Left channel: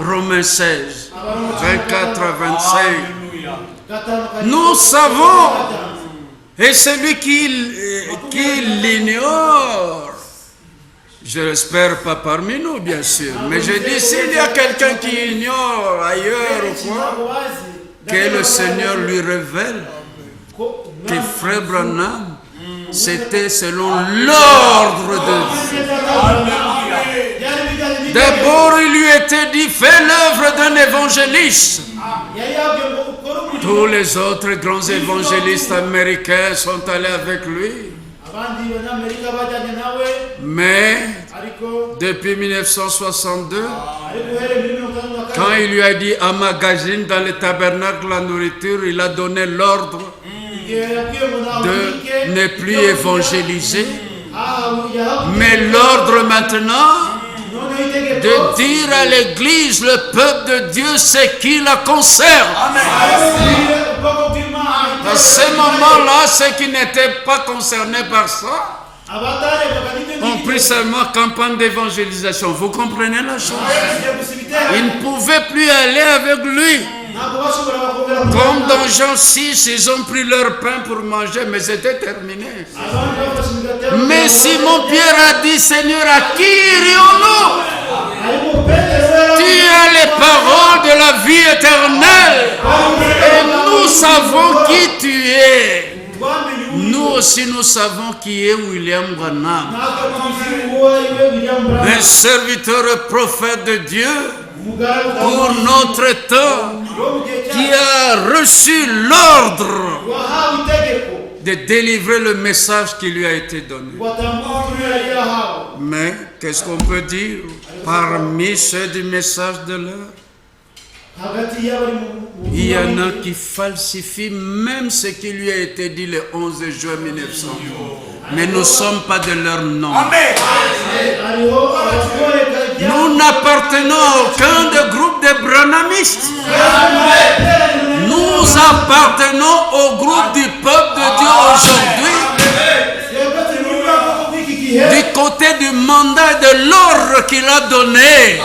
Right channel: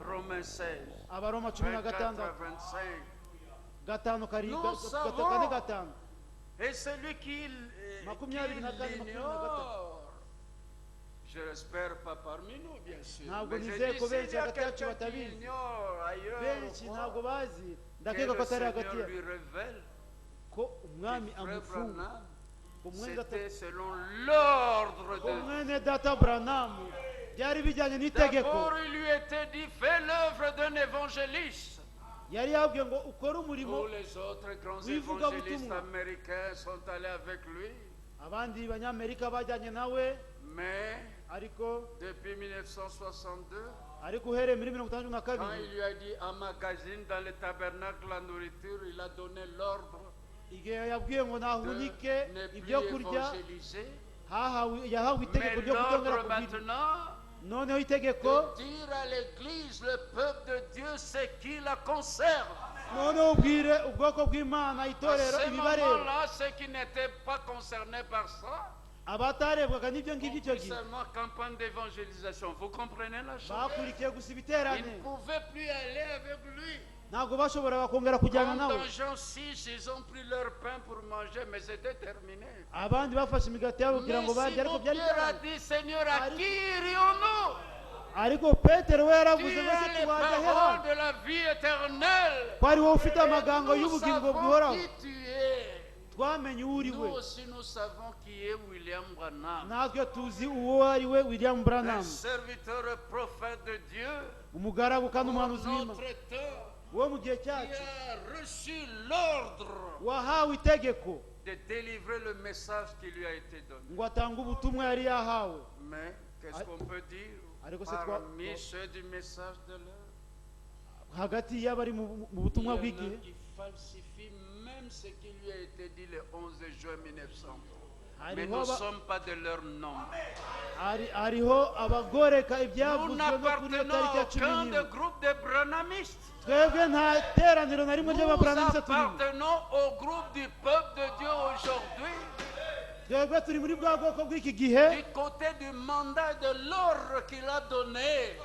Romains 16, 24 à 25. Nous savons, et celui qui l'ignore, je l'espère pas parmi nous, bien sûr, mais je dis, s'il y a quelqu'un qui ignore ailleurs ou quoi, que le Seigneur lui révèle que Frère Branham, c'était selon l'ordre de Dieu. D'abord, il lui était dit, fais l'œuvre d'un évangéliste. Tous les autres grands évangélistes américains sont allés avec lui. Mais depuis 1962, quand il lui a dit emmagasine dans le tabernacle la nourriture, il a donné l'ordre de ne plus évangéliser, mais l'ordre maintenant de dire à l'Église, le peuple de Dieu, c'est qui la concerne. À ce moment-là, ceux qui n'étaient pas concernés par ça ont pris seulement campagne d'évangélisation. Vous comprenez la chose? Ils ne pouvaient plus aller avec lui. Comme dans Jean 6, ils ont pris leur pain pour manger, mais c'était terminé. Mais Simon-Pierre a dit, Seigneur, à qui irions-nous? Tu as les paroles de la vie éternelle. Et nous savons qui tu es. Nous aussi, nous savons qui est William Branham. Un serviteur prophète de Dieu pour notre temps, qui a reçu l'ordre de délivrer le message qui lui a été donné. Mais qu'est-ce qu'on peut dire parmi ceux du message de l'heure? Il y en a qui falsifient même ce qui lui a été dit le 11 juin 1900. Mais nous ne sommes pas de leur nom. Nous n'appartenons à aucun des groupes de branhamistes. Nous appartenons au groupe du peuple de Dieu aujourd'hui, du côté du mandat et de l'ordre qu'il a donné.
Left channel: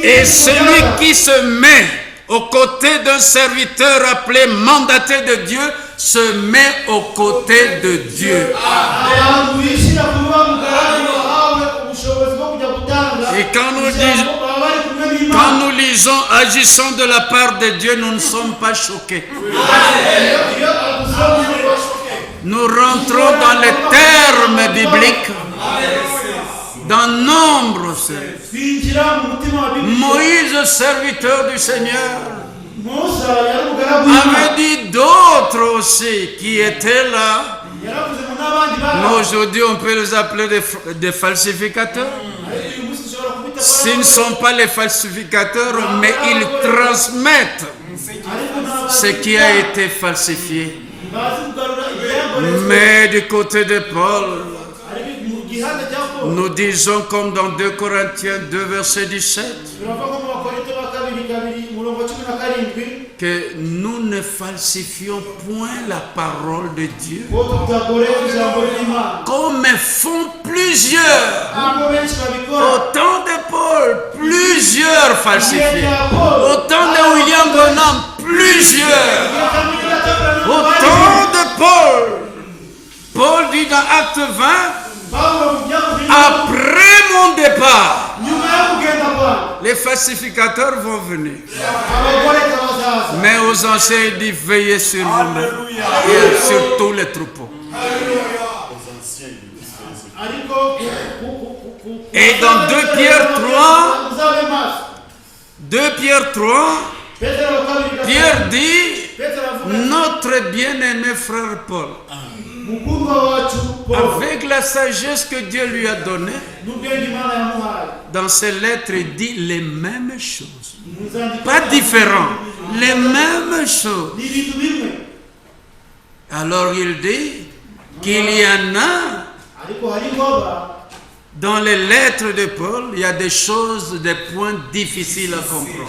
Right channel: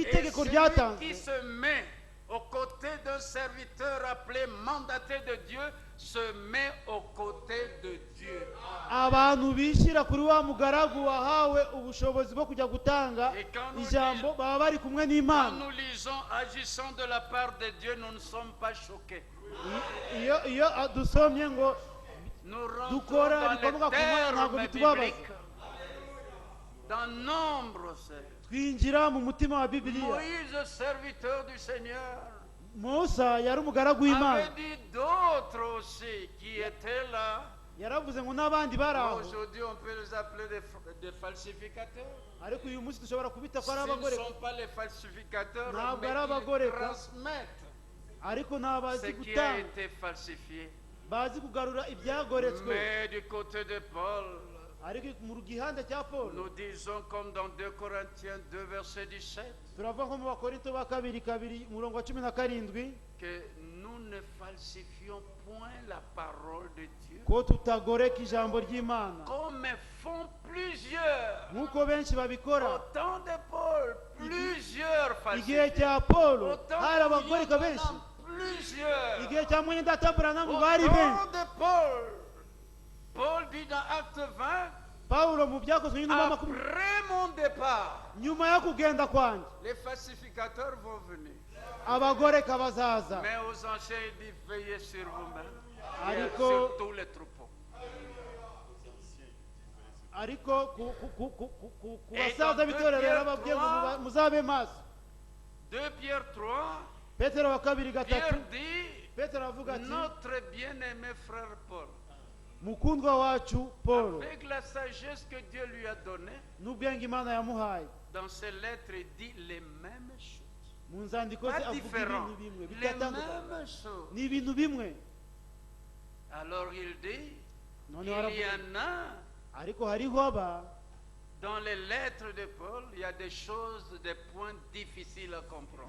Et celui qui se met aux côtés d'un serviteur appelé mandaté de Dieu se met aux côtés de Dieu. Et quand nous lisons agissant de la part de Dieu, nous ne sommes pas choqués. Nous rentrons dans les termes bibliques. Dans Nombre, Moïse, serviteur du Seigneur, avait dit d'autres aussi qui étaient là. Nous, aujourd'hui, on peut les appeler des falsificateurs. S'ils ne sont pas les falsificateurs, mais ils transmettent ce qui a été falsifié. Mais du côté de Paul, nous disons comme dans 2 Corinthiens 2, verset 17, que nous ne falsifions point la parole de Dieu, comme font plusieurs. Au temps de Paul, plusieurs falsifiés. Au temps de William Branham, plusieurs. Au temps de Paul, Paul dit dans Acte 20, après mon départ, les falsificateurs vont venir. Mais aux anciens, il dit veillez sur vous-même et sur tous les troupeaux. Et dans 2 Pierre 3, Pierre dit, notre bien-aimé frère Paul, avec la sagesse que Dieu lui a donnée, dans ses lettres, il dit les mêmes choses. Pas différents, les mêmes choses. Alors il dit qu'il y en a dans les lettres de Paul, il y a des choses, des points difficiles à comprendre.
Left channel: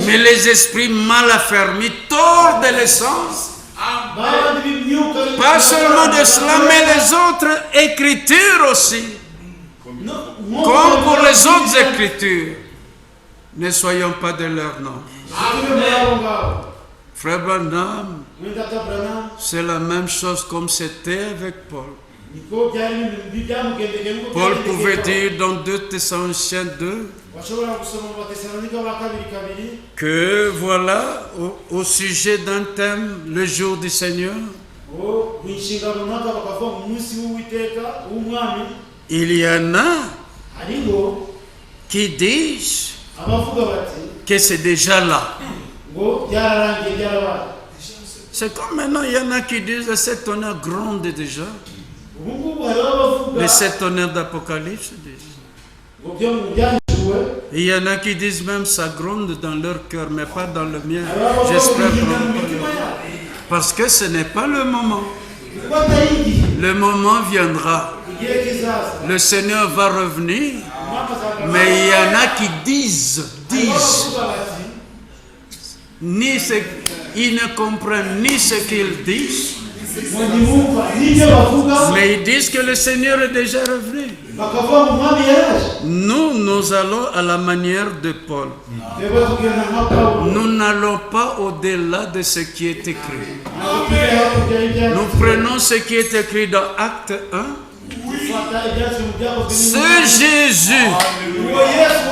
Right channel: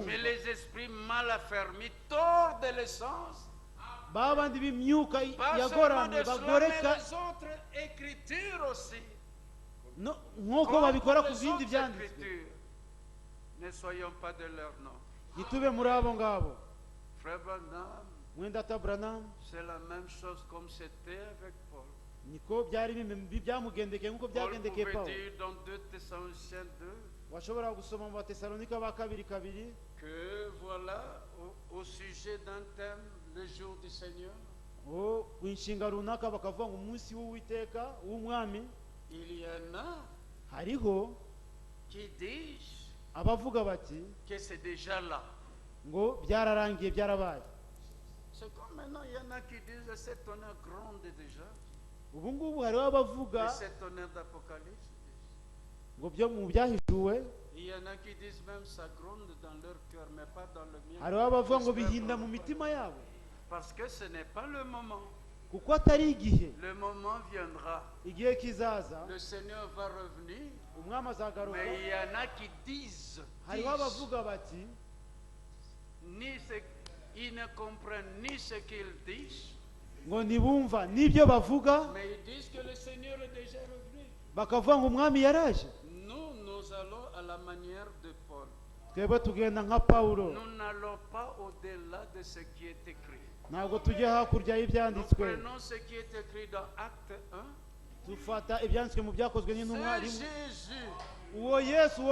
Mais les esprits mal affermis tordent les sens. Pas seulement de cela, mais les autres écritures aussi. Comme pour les les autres écritures, ne soyons pas de leur nom. Frère Branham, c'est la même chose comme c'était avec Paul. Paul pouvait dire dans 2 Thessaloniciens 2 que voilà, au sujet d'un thème, le jour du Seigneur, il y en a qui disent que c'est déjà là. C'est comme maintenant, il y en a qui disent que cet honneur gronde déjà. Les 7 honneurs d'Apocalypse disent. Il y en a qui disent même ça gronde dans leur cœur, mais pas dans le mien. J'espère parce que ce n'est pas le moment. Le moment viendra. Le Seigneur va revenir. Mais il y en a qui disent, ils ne comprennent ni ce qu'ils disent, mais ils disent que le Seigneur est déjà revenu. Nous allons à la manière de Paul. Nous n'allons pas au-delà de ce qui est écrit. Nous prenons ce qui est écrit dans Acte 1. Ce Jésus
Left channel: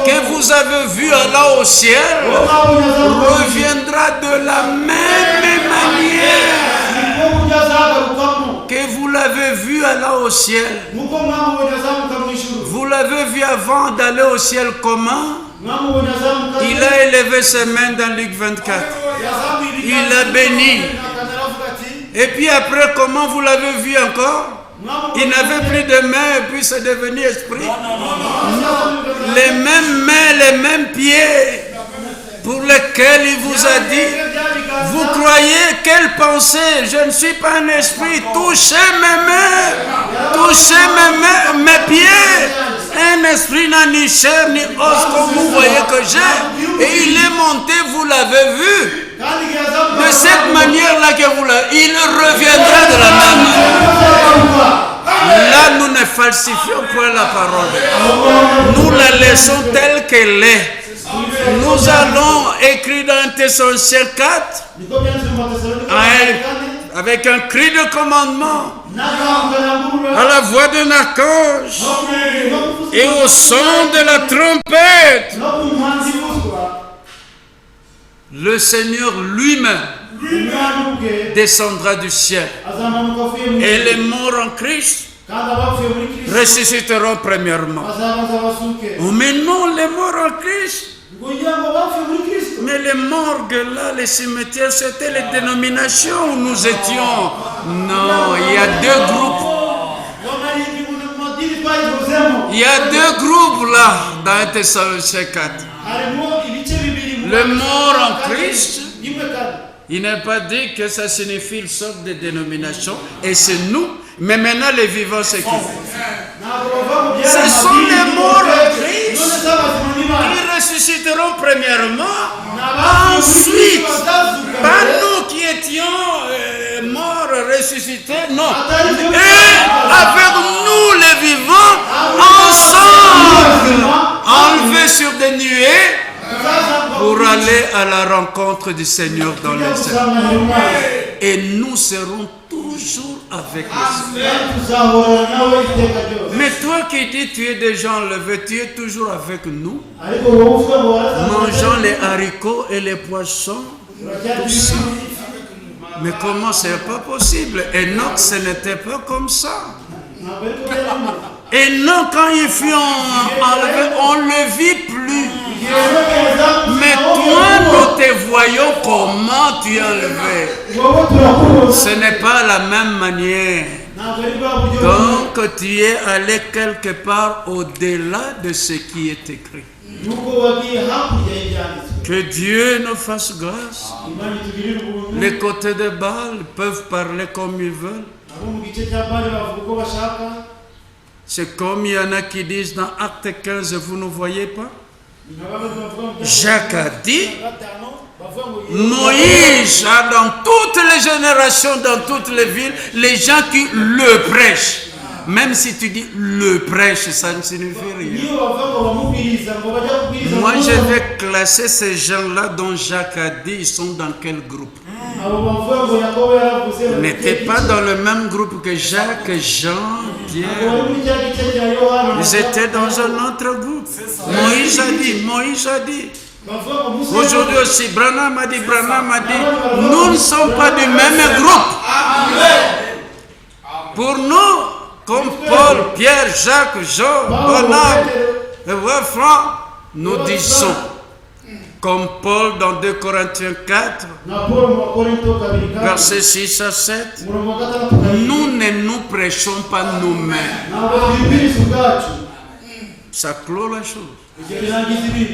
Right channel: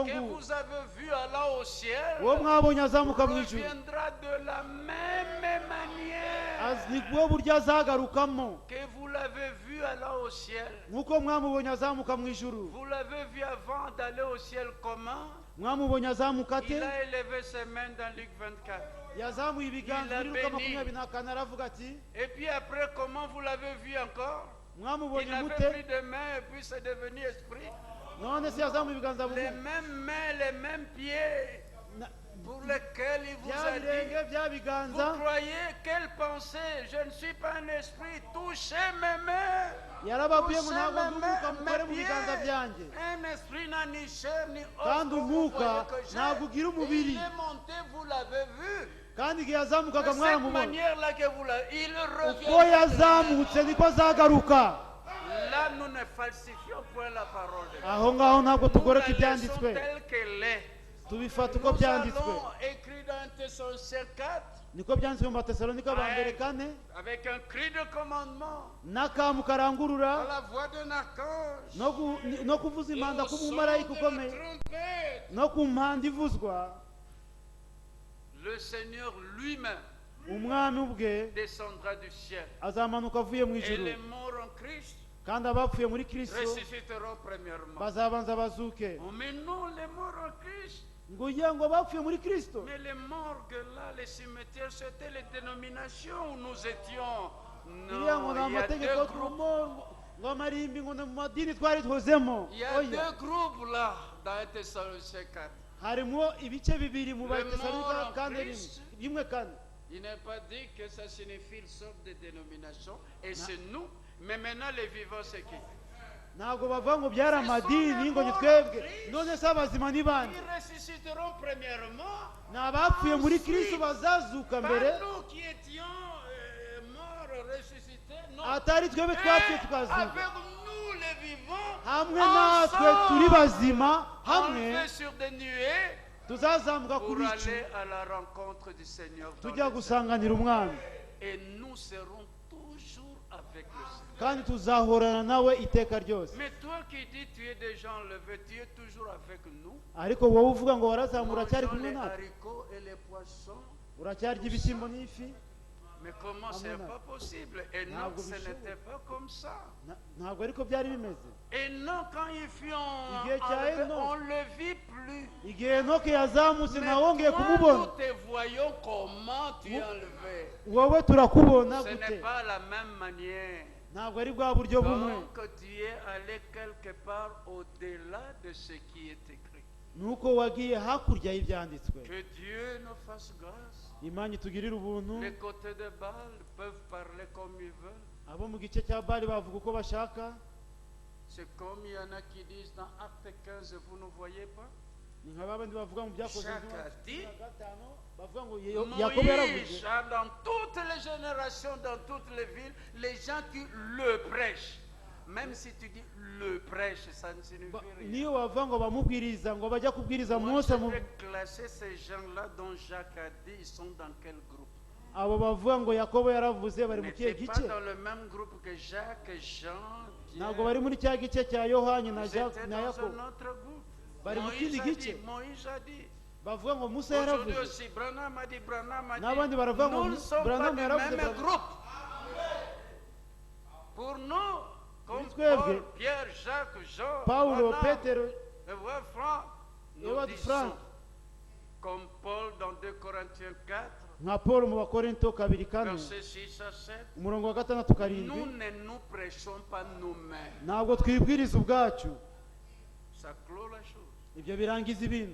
que vous avez vu aller au ciel reviendra de la même manière que vous l'avez vu aller au ciel. Vous l'avez vu avant d'aller au ciel comment? Il a élevé ses mains dans Luc 24. Il a béni. Et puis après, comment vous l'avez vu encore? Il n'avait plus de mains et puis c'est devenu esprit. Les mêmes mains, les mêmes pieds pour lesquels il vous a dit, vous croyez quelle pensée? Je ne suis pas un esprit. Touchez mes mains, touchez mes pieds. Un esprit n'a ni chair ni os comme vous voyez que j'ai. Et il est monté, vous l'avez vu. De cette manière-là que vous l'avez, il reviendra de la même manière. Là, nous ne falsifions point la parole. Nous la laissons telle qu'elle est. Nous allons écrire dans Thessaloniciens 4 avec un cri de commandement, à la voix d'un archange et au son de la trompette. Le Seigneur lui-même descendra du ciel et les morts en Christ ressusciteront premièrement. Oh, mais non, les morts en Christ. Mais les morgues là, les cimetières, c'était les dénominations où nous étions. Non, il y a 2 groupes. Il y a 2 groupes là dans Thessaloniciens 4. Le mort en Christ, il n'est pas dit que ça signifie une sorte de dénomination, et c'est nous, mais maintenant les vivants, c'est qui? Ce sont les morts en Christ qui ressusciteront premièrement, ensuite, pas nous qui étions morts, ressuscités, non, et avec nous les vivants, ensemble, enlevés sur des nuées, pour aller à la rencontre du Seigneur dans les cieux. Et nous serons toujours avec le Seigneur. Mais toi qui dis tu es déjà enlevé, tu es toujours avec nous, mangeant les haricots et les poissons. Mais comment c'est pas possible? Et non, ce n'était pas comme ça. Et non, quand il fut enlevé, on ne le vit plus. Mais toi, nous te voyons comment tu es enlevé. Ce n'est pas la même manière. Donc, tu es allé quelque part au-delà de ce qui est écrit. Que Dieu nous fasse grâce. Les côtés de Baal peuvent parler comme ils veulent. C'est comme il y en a qui disent dans Acte 15, vous ne voyez pas? Jacques a dit, Moïse a dans toutes les générations, dans toutes les villes, les gens qui le prêchent. Même si tu dis le prêche, ça ne signifie rien. Moi, je vais classer ces gens-là dont Jacques a dit, ils sont dans quel groupe? Ils n'étaient pas dans le même groupe que Jacques, Jean, Pierre. Ils étaient dans un autre groupe. Moïse a dit. Aujourd'hui aussi, Branham a dit, nous ne sommes pas du même groupe. Pour nous, comme Paul, Pierre, Jacques, Jean, Branham, Franck, nous disons, comme Paul dans 2 Corinthiens 4, versets 6 à 7, nous ne nous prêchons pas nous-mêmes. Ça clôt la chose.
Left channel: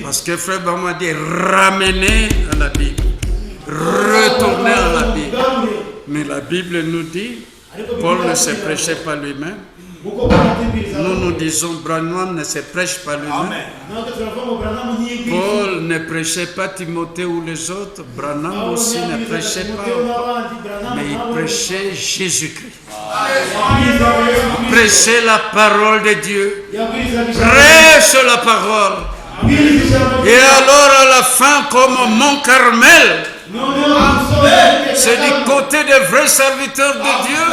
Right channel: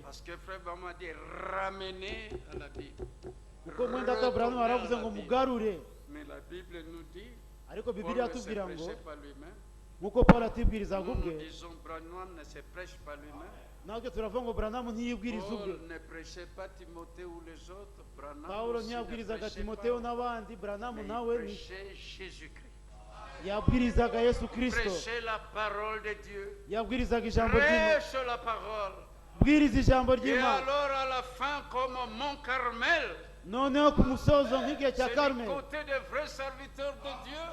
Parce que Frère Bama dit ramener à la Bible, retourner à la Bible. Mais la Bible nous dit, Paul ne se prêchait pas lui-même. Nous disons, Branham ne se prêche pas lui-même. Paul ne prêchait pas Timothée ou les autres. Branham aussi ne prêchait pas. Mais il prêchait Jésus-Christ. Il prêchait la parole de Dieu. Prêche la parole. Et alors à la fin, comme au Mont Carmel, c'est du côté des vrais serviteurs de Dieu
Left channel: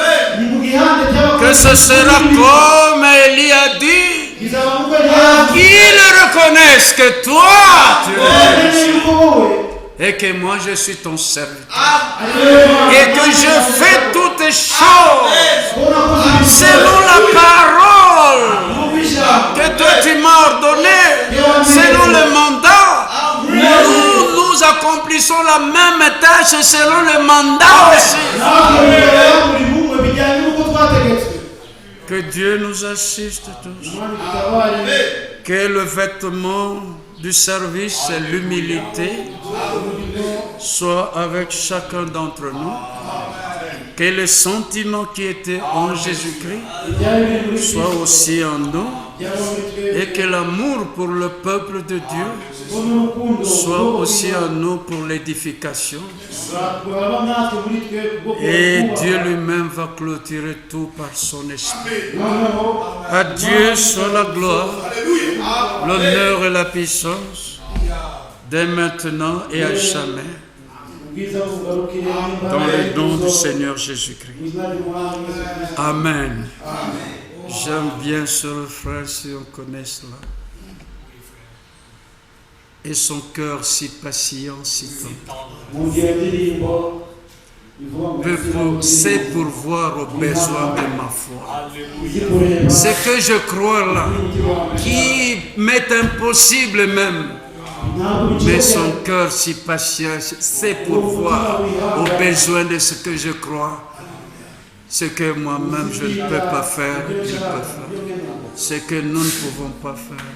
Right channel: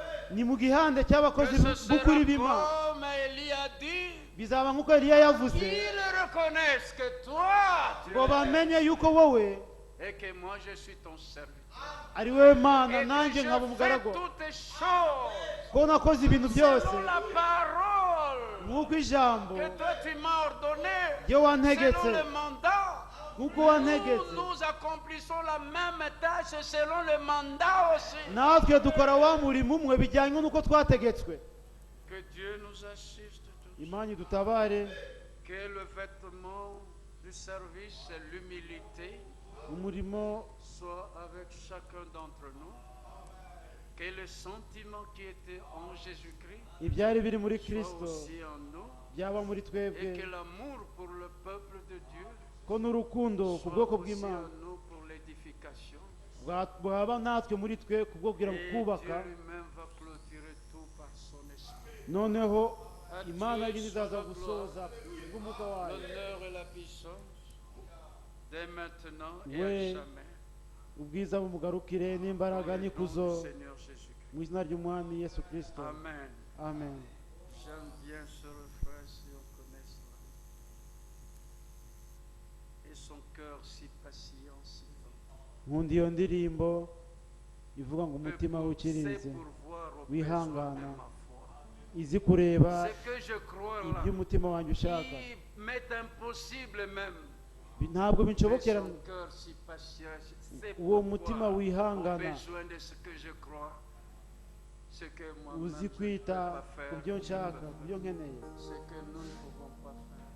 que ce sera comme Élie a dit, qu'ils reconnaissent que toi tu es Jésus et que moi je suis ton serviteur et que je fais toutes choses selon la parole que toi tu m'as ordonné, selon le mandat. Nous accomplissons la même tâche selon le mandat aussi. Que Dieu nous assiste tous. Que le vêtement du service, c'est l'humilité, soit avec chacun d'entre nous. Que les sentiments qui étaient en Jésus-Christ soient aussi en nous. Et que l'amour pour le peuple de Dieu soit aussi en nous pour l'édification. Et Dieu lui-même va clôturer tout par son esprit. À Dieu soit la gloire, l'honneur et la puissance, dès maintenant et à jamais. Dans le nom du Seigneur Jésus-Christ. Amen. J'aime bien ce frère si on connaît cela. Et son cœur si patient, si tendre. C'est pourvoir aux besoins de ma foi. Ce que je crois là, qui m'est impossible même, mais son cœur si patient, c'est pourvoir aux besoins de ce que je crois. Ce que moi-même je ne peux pas faire, il peut faire. Ce que nous ne pouvons pas faire.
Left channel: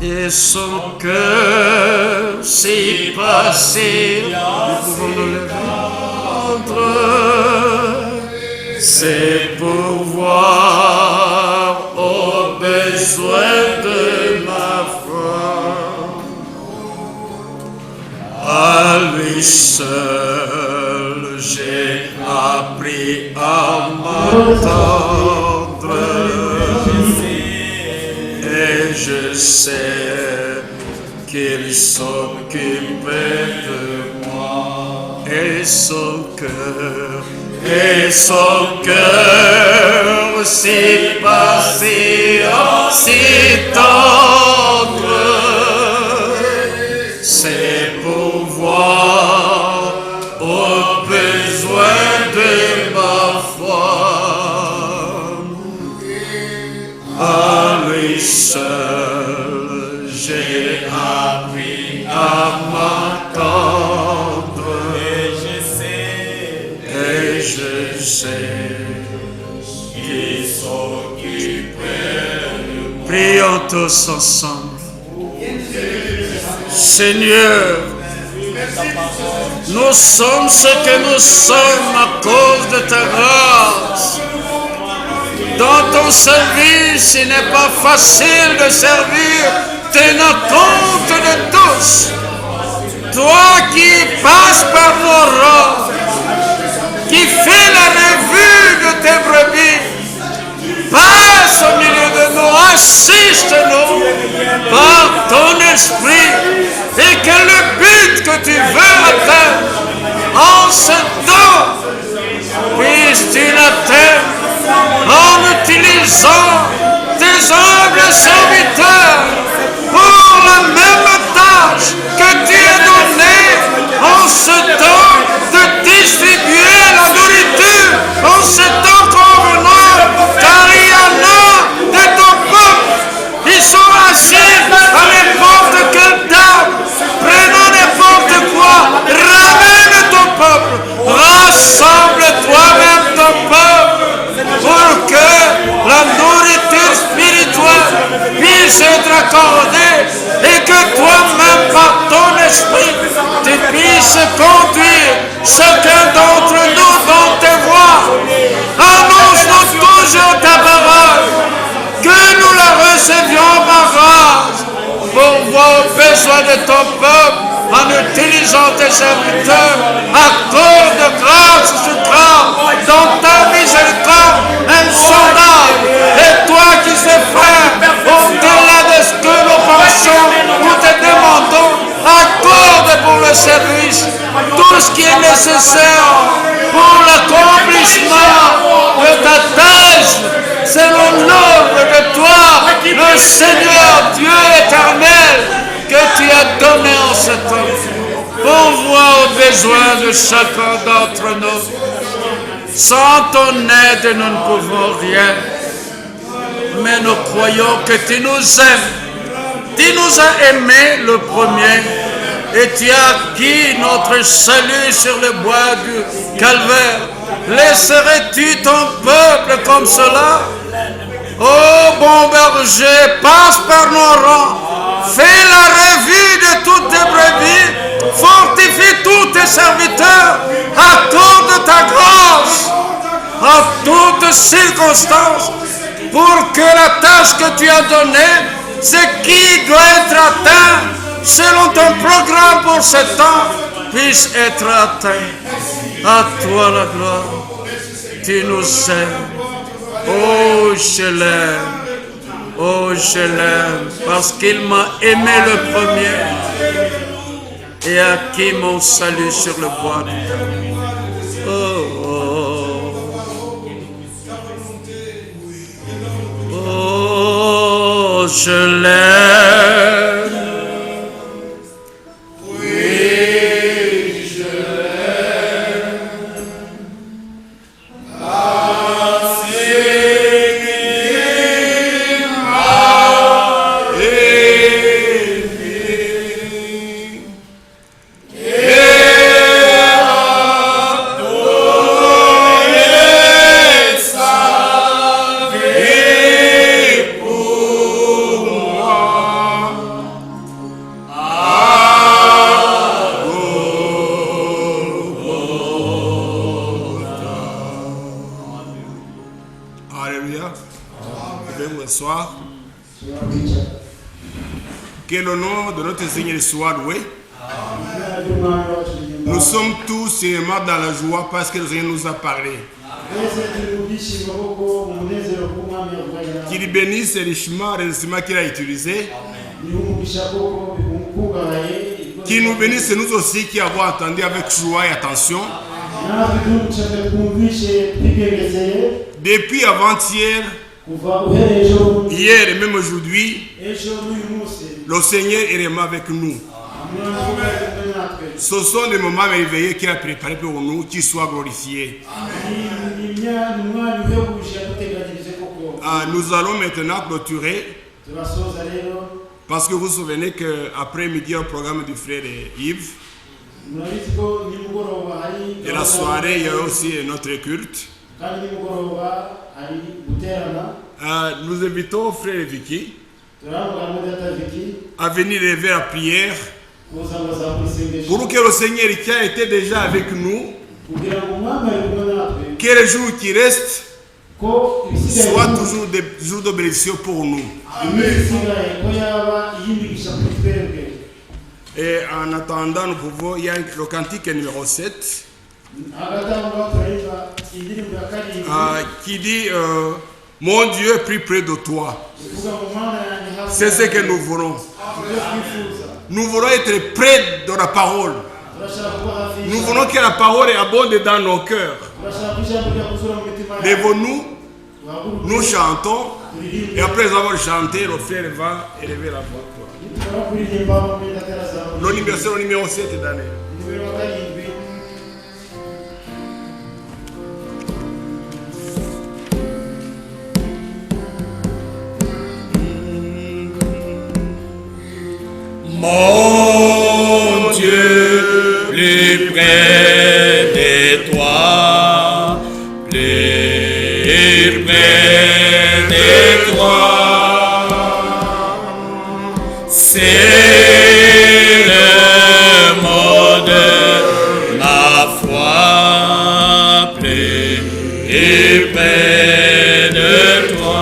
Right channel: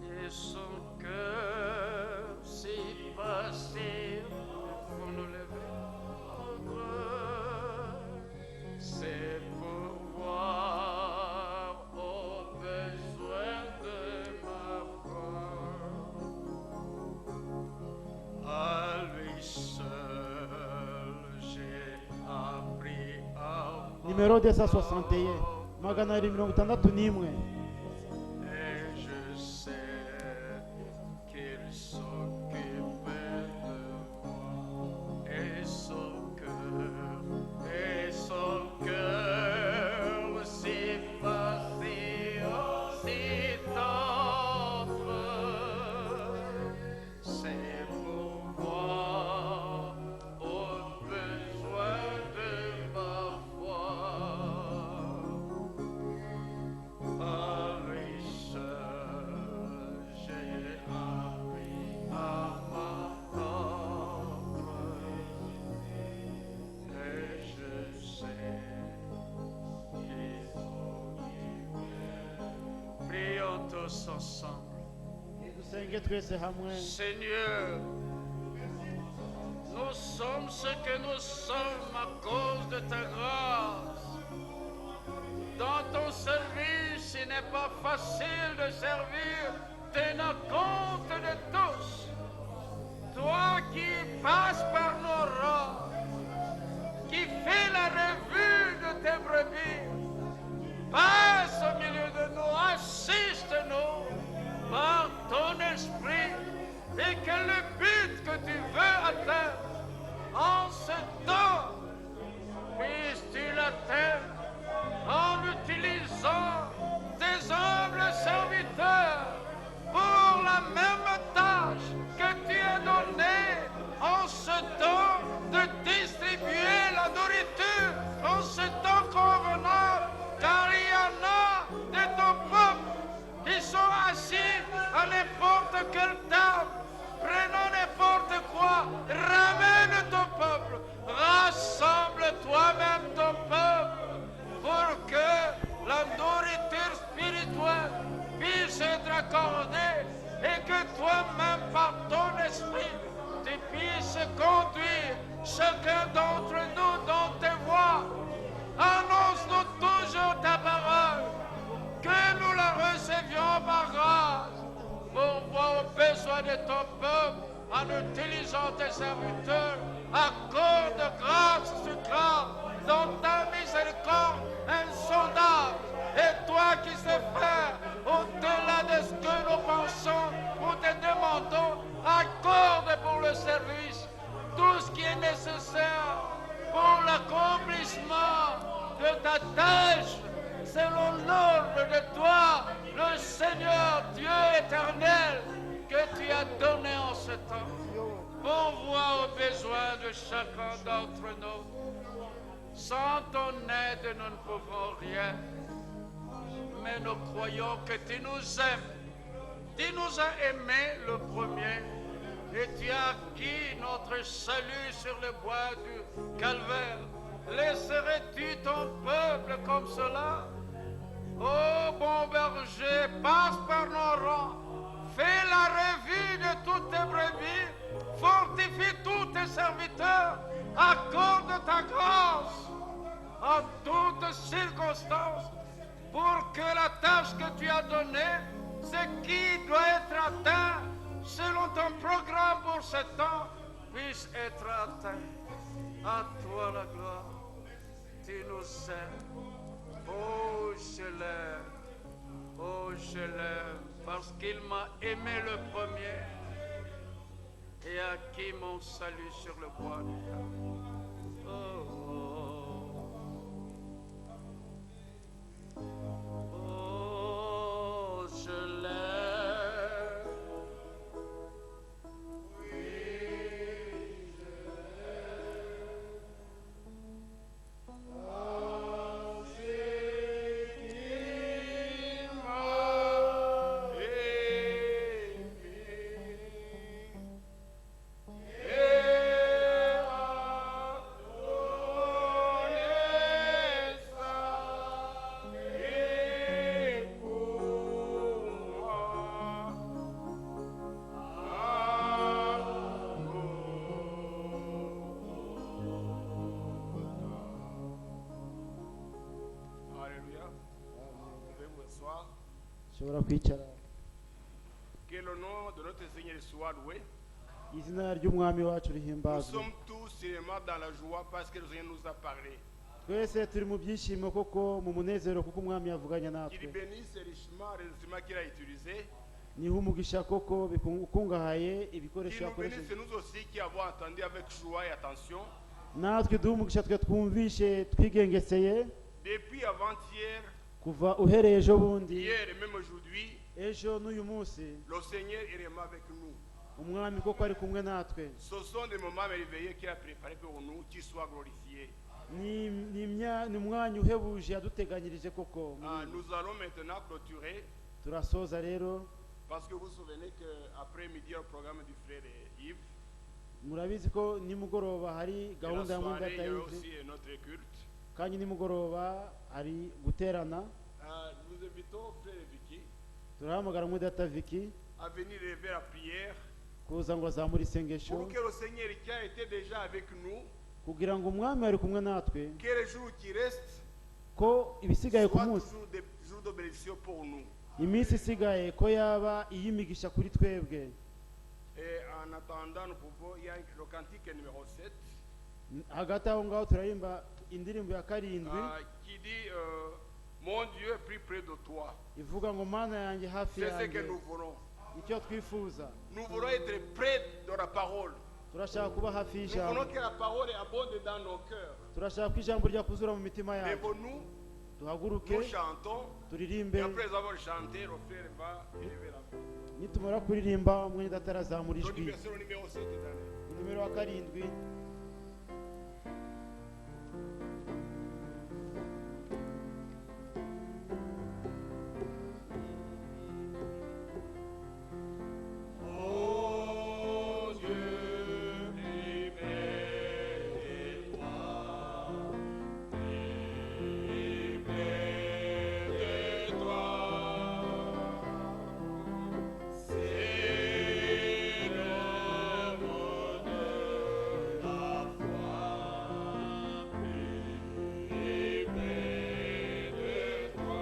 Et son cœur si patient, nous pouvons nous lever. C'est pourvoir aux besoins de ma foi. À lui seul j'ai appris à m'attendre et je sais qu'il s'occupe de moi et son cœur si patient, si tendre, c'est pourvoir aux besoins de ma foi. À lui seul j'ai appris à m'attendre et je sais qu'il s'occupe de moi. Prions tous ensemble. Seigneur, nous sommes ce que nous sommes à cause de ta grâce. Dans ton service, il n'est pas facile de servir, tenant compte de tous. Toi qui passes par nos rangs, qui fait la revue de tes brebis. Passe au milieu de nous, assiste-nous par ton esprit et que le but que tu veux atteindre en ce temps, puisses-tu l'atteindre en utilisant tes humbles serviteurs pour la même tâche que tu as donnée en ce temps de distribuer la nourriture en ce temps convenant, car il y en a de ton peuple, ils sont assis à n'importe quelle table, prenant n'importe quoi, ramène ton peuple, rassemble toi-même ton peuple, pour que la nourriture spirituelle puisse être accordée et que toi-même par ton esprit tu puisses conduire chacun d'entre nous dans tes voies. Annonce-nous toujours ta parole, que nous la recevions par grâce pour voir aux besoins de ton peuple en utilisant tes serviteurs. Accorde grâce sur grâce dans ta miséricorde insondable. Et toi qui sais faire au-delà de ce que nous pensons, nous te demandons, accorde pour le service tout ce qui est nécessaire pour l'accomplissement de ta tâche, selon l'ordre de toi, le Seigneur Dieu éternel, que tu as donné en ce temps. Pour voir aux besoins de chacun d'entre nous. Sans ton aide, nous ne pouvons rien. Mais nous croyons que tu nous aimes. Tu nous as aimés le premier. Et tu as acquis notre salut sur le bois du calvaire. Laisserais-tu ton peuple comme cela? Ô bon berger, passe par nos rangs. Fais la revue de toutes tes brebis. Fortifie tous tes serviteurs. Accorde ta grâce en toutes circonstances pour que la tâche que tu as donnée, ce qui doit être atteint selon ton programme pour ce temps, puisse être atteint. À toi la gloire. Tu nous aimes. Oh, je l'aime. Oh, je l'aime parce qu'il m'a aimé le premier et acquis mon salut sur le bois du calvaire. Oh, je l'aime. Que le nom de notre Seigneur soit loué. Nous sommes tous seulement dans la joie parce que le Seigneur nous a parlé. Qu'il bénisse richement les instruments qu'il a utilisés. Qu'il nous bénisse nous aussi qui avons entendu avec joie et attention. Depuis avant-hier, hier et même aujourd'hui, le Seigneur est vraiment avec nous. Ce sont des moments merveilleux qu'il a préparés pour nous, qu'il soit glorifié. Nous allons maintenant clôturer. Parce que vous vous souvenez qu'après-midi, un programme du frère Yves. Et la soirée, il y a aussi notre culte. Nous invitons frère Vicky à venir lever la prière pour que le Seigneur qui a été déjà avec nous, que les jours qui restent soient toujours des jours de bénédiction pour nous. Et en attendant, nous pouvons, il y a le cantique numéro 7. qui dit mon Dieu est plus près de toi. C'est ce que nous voulons. Nous voulons être près de la parole. Nous voulons que la parole abonde dans nos cœurs. Lèvons-nous, nous chantons, et après avoir chanté, le frère va élever la voix. C'est le numéro 7 d'année. Mon Dieu, plus près de toi, plus près de toi, c'est le mot de ma foi, plus près de toi.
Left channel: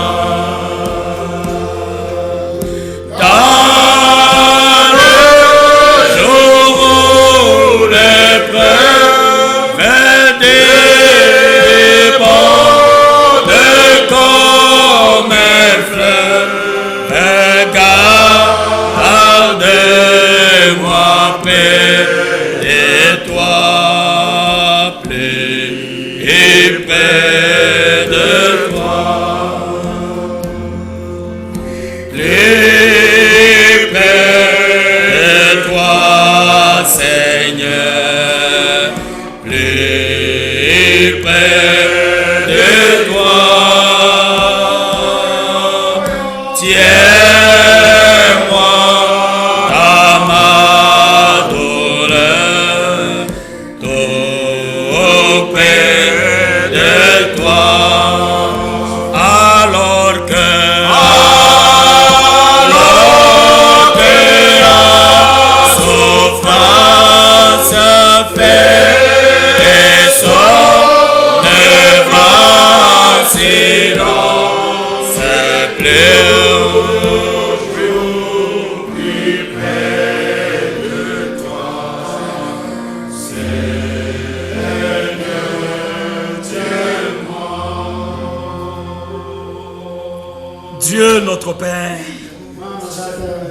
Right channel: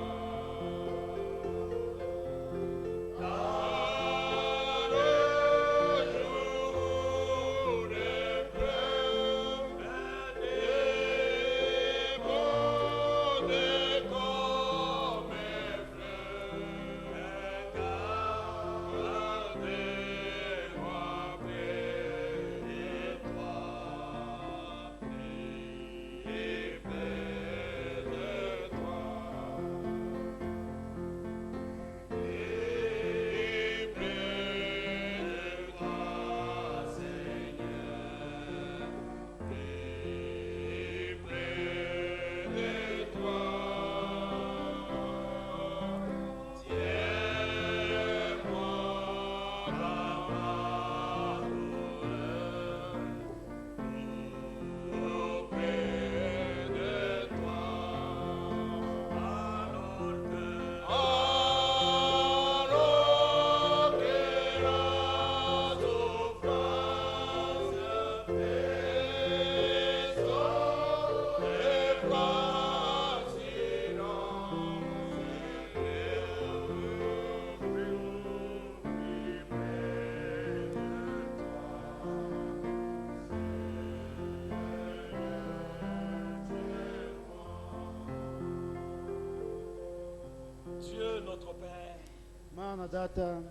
Dieu notre Père,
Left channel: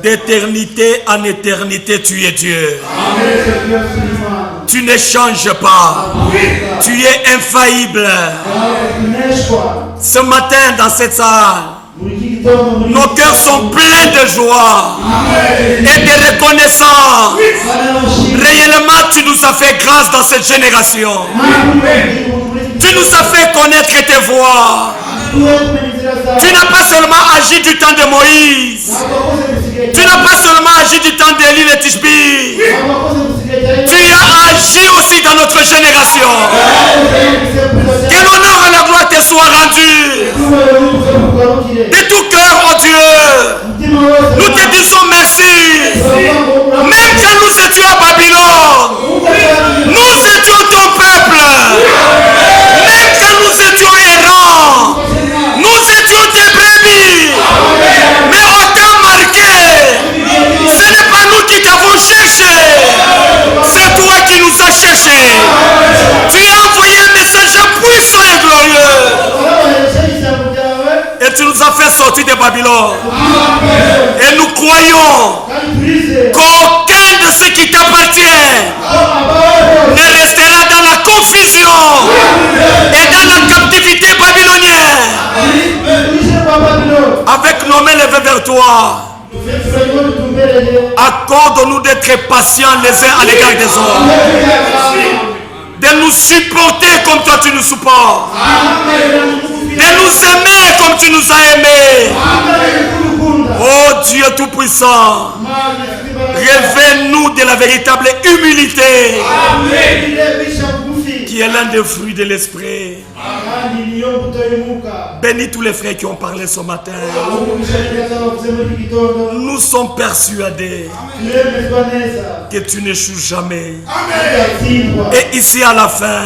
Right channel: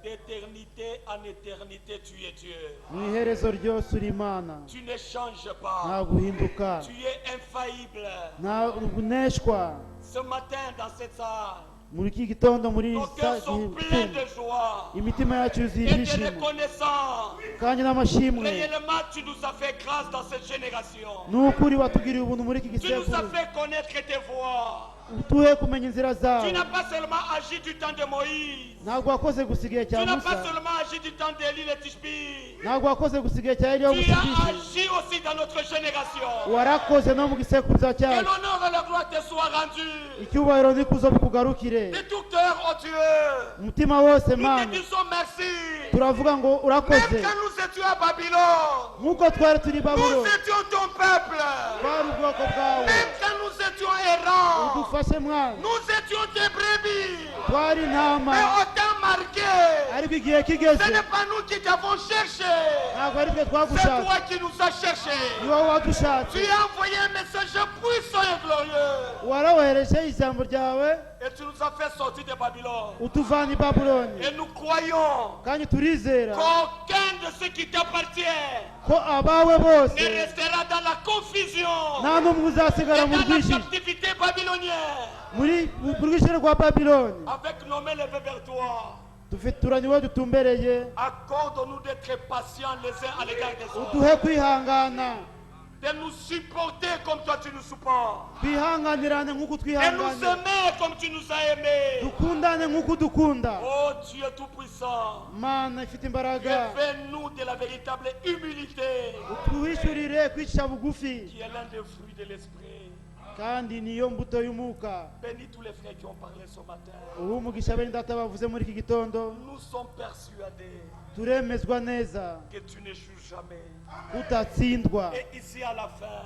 d'éternité en éternité, tu es Dieu. Tu ne changes pas. Tu es infaillible. Ce matin dans cette salle, nos cœurs sont pleins de joie et de reconnaissance. Réellement, tu nous as fait grâce dans cette génération. Tu nous as fait connaître tes voies. Tu n'as pas seulement agi du temps de Moïse. Tu n'as pas seulement agi du temps d'Élie et Tishbi. Tu as agi aussi dans notre génération. Que l'honneur et la gloire te soient rendus. De tout cœur, oh Dieu, nous te disons merci. Même quand nous étions à Babylone, nous étions ton peuple. Même quand nous étions errants, nous étions tes brebis. Mais on t'a marqué. Ce n'est pas nous qui t'avons cherché. C'est toi qui nous as cherché. Tu as envoyé un message puissant et glorieux. Et tu nous as fait sortir de Babylone. Et nous croyons qu'aucun de ceux qui t'appartiennent ne restera dans la confusion et dans la captivité babylonienne. Avec nos mains levées vers toi, accorde-nous d'être patients les uns à l'égard des autres. De nous supporter comme toi tu nous supportes. De nous aimer comme tu nous as aimés. Oh Dieu Tout-Puissant, révèle-nous de la véritable humilité qui est l'un des fruits de l'esprit. Bénis tous les frères qui ont parlé ce matin. Nous sommes persuadés que tu n'échoues jamais. Et ici à la fin,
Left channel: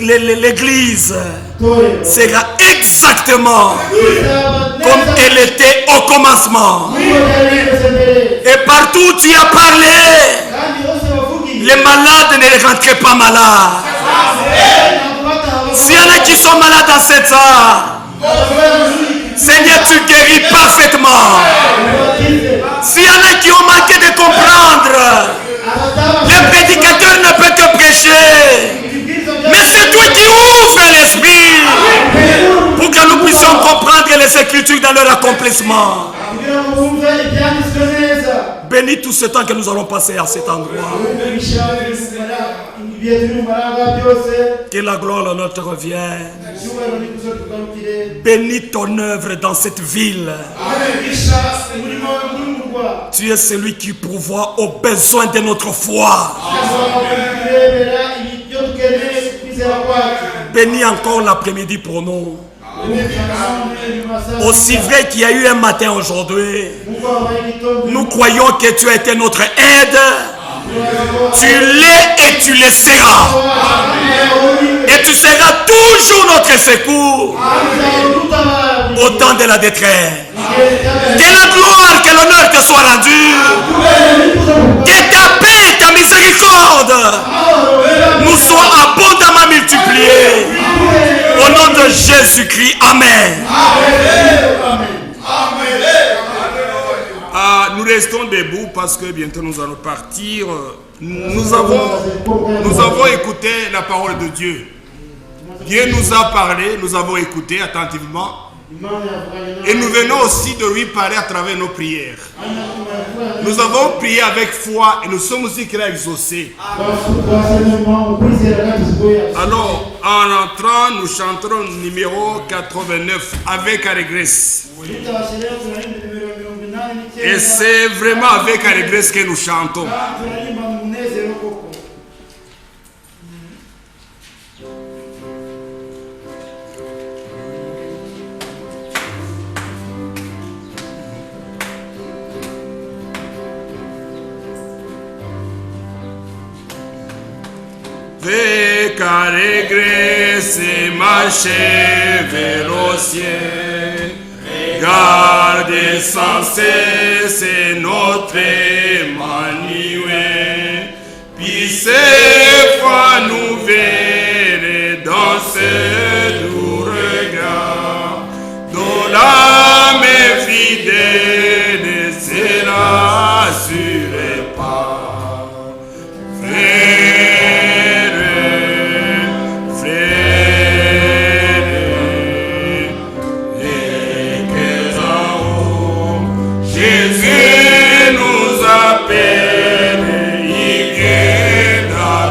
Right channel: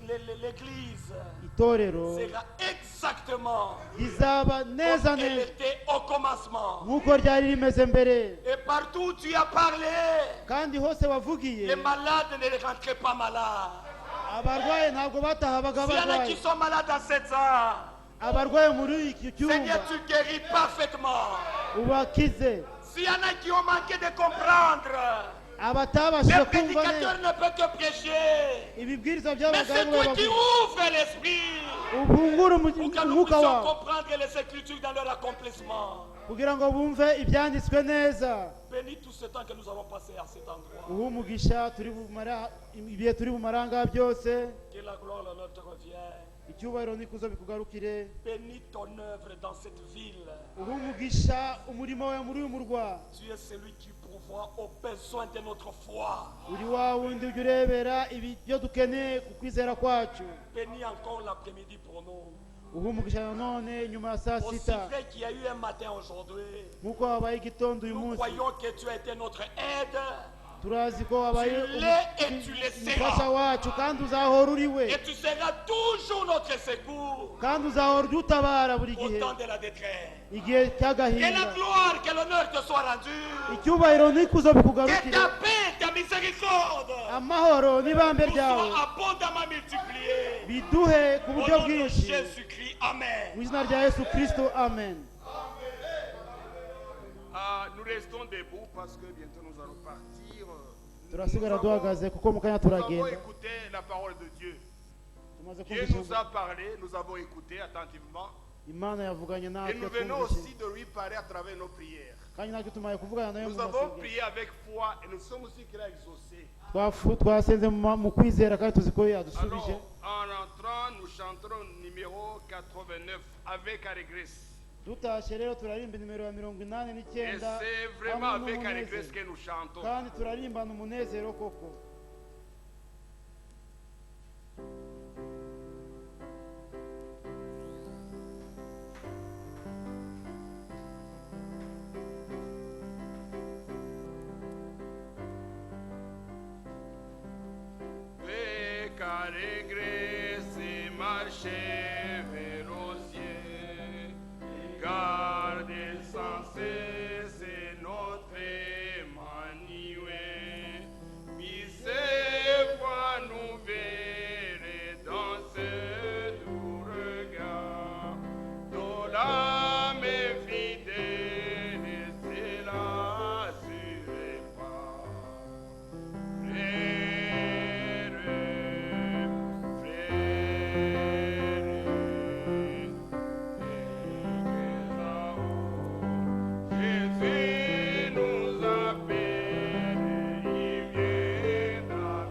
l'église sera exactement comme elle était au commencement. Et partout où tu as parlé, Les malades ne rentrent pas malades. S'il y en a qui sont malades dans cette heure, Seigneur, tu guéris parfaitement. S'il y en a qui ont manqué de comprendre, le prédicateur ne peut que prêcher. Mais c'est toi qui ouvres l'esprit pour que nous puissions comprendre les Écritures dans leur accomplissement. Bénis tout ce temps que nous allons passer à cet endroit. Que la gloire et l'honneur te revienne. Bénis ton œuvre dans cette ville. Tu es celui qui pourvoit aux besoins de notre foi. Bénis encore l'après-midi pour nous. Aussi vrai qu'il y a eu un matin aujourd'hui, nous croyons que tu as été notre aide. Tu l'es et tu le seras. Et tu seras toujours notre secours au temps de la détresse. Que la gloire, que l'honneur te soit rendu. Que ta paix, ta miséricorde nous soient abondamment multipliées. Au nom de Jésus-Christ, Amen. Nous restons debout parce que bientôt nous allons partir. Nous avons écouté la parole de Dieu. Dieu nous a parlé, nous avons écouté attentivement. Et nous venons aussi de lui parler à travers nos prières. Nous avons prié avec foi et nous sommes aussi qu'il a exaucé. Alors, en entrant, nous chanterons numéro 89 avec allégresse. Et c'est vraiment avec allégresse que nous chantons. Avec allégresse marcher vers le ciel. Gardez sans cesse notre Emmanuel. Puis cette fois nous verrons dans ce doux regard, dont l'âme fidèle sera assurée par Jésus nous appelle, il guérit.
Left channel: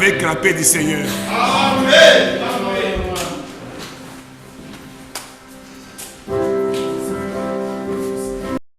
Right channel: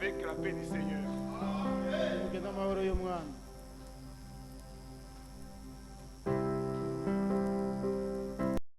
avec la paix du Seigneur. Amen.